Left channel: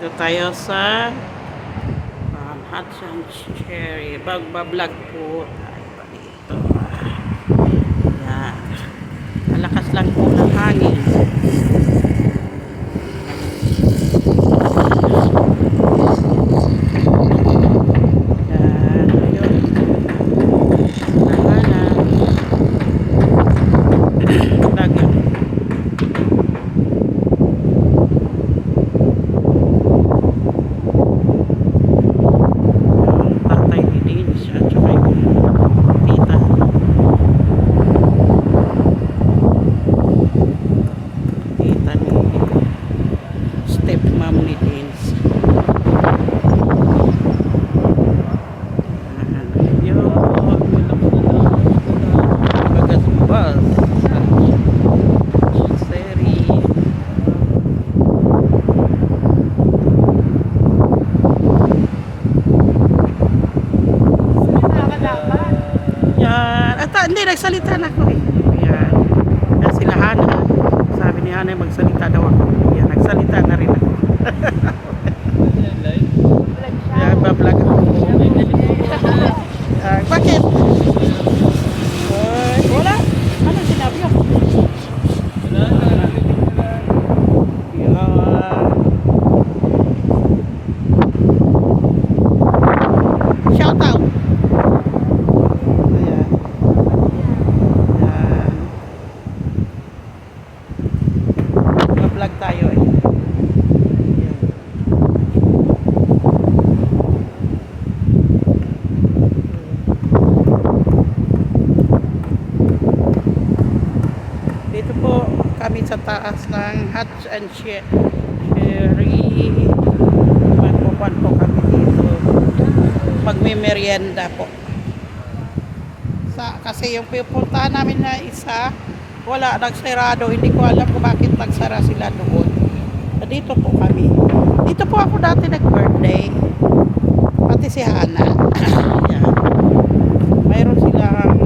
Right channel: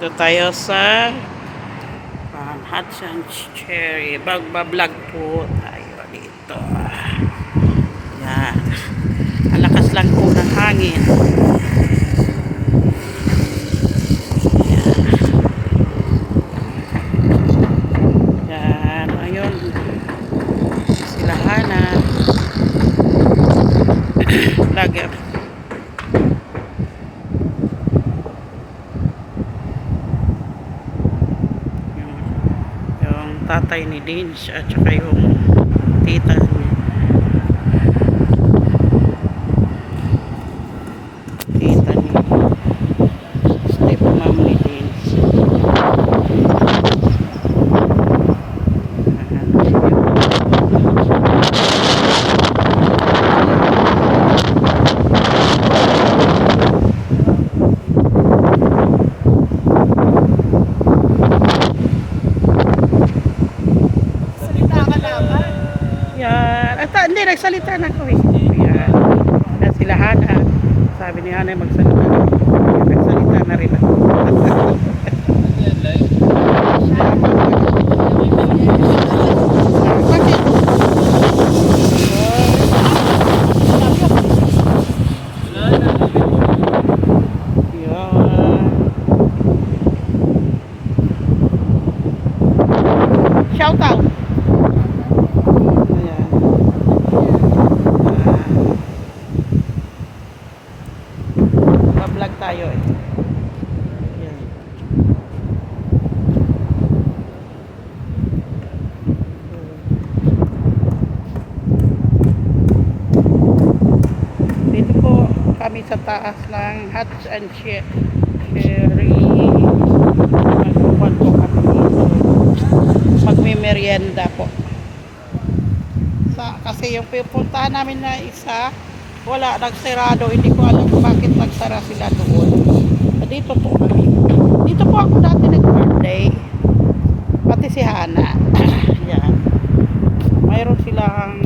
Dito tayo sa Hudson Cherry. Vlog po tayo dito. Yan. Ang lakas lang po ng hangin. Yan. Ayun. Silahanan. Vlog yan. Tatay ni Dins at saka yung tita ni stepmom ni Dins. Yan. At hindi, nagsalita na ako eh. Yan. Yan sila Hana. Sabi ni Hana magsalita daw ako. Yan, nagsalita na rin ako. Yan, babag. Bakit? Wala. Yan. Shout out. Vlog tayo eh. Yan. Dito po kami sa taas ng Hudson Cherry. Magpupuan po kami dito. Magme-merienda po. Kasi yung pupuntahan namin na isa wala, nagsarado. Hindi ko alam bakit nagsara sila doon. Dito po kami. Dito po ako dati nag-birthday. Pati si Hana. Yan. Mayroon silang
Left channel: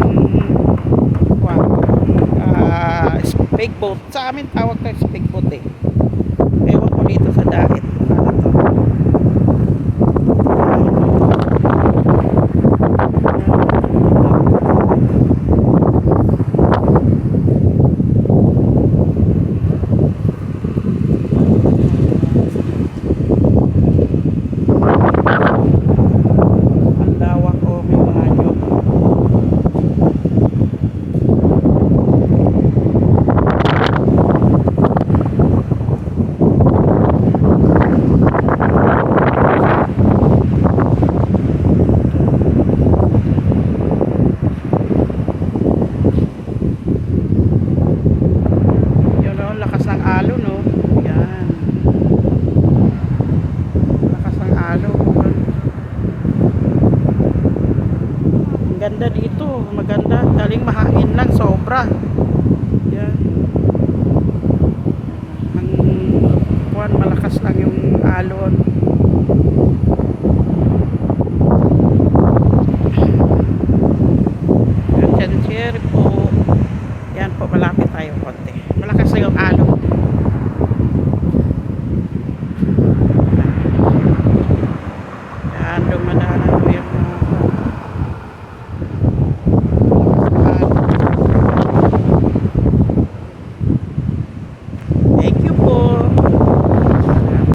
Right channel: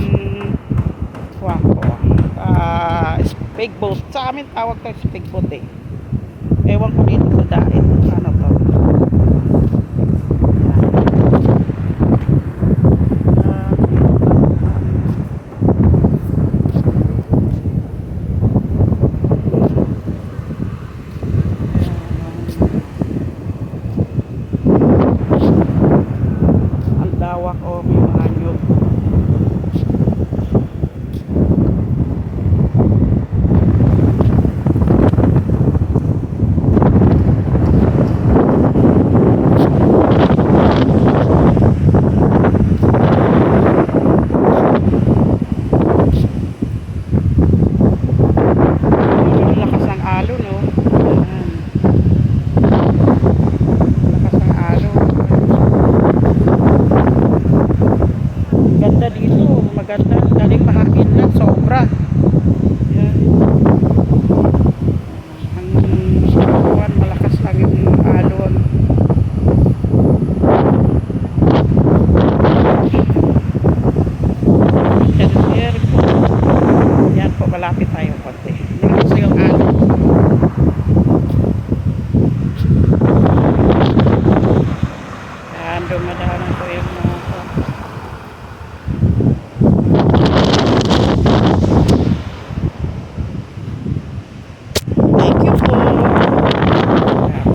speedboat. Sa amin tawag ko speedboat eh. Ewan ko dito sa dahit. Para to. May mga nyug. Yung lakas ng alon, no? Yan. Lakas ng alon. Ganda dito, maganda, galing mahangin lang, sobra. Yan. Ang malakas lang yung alon.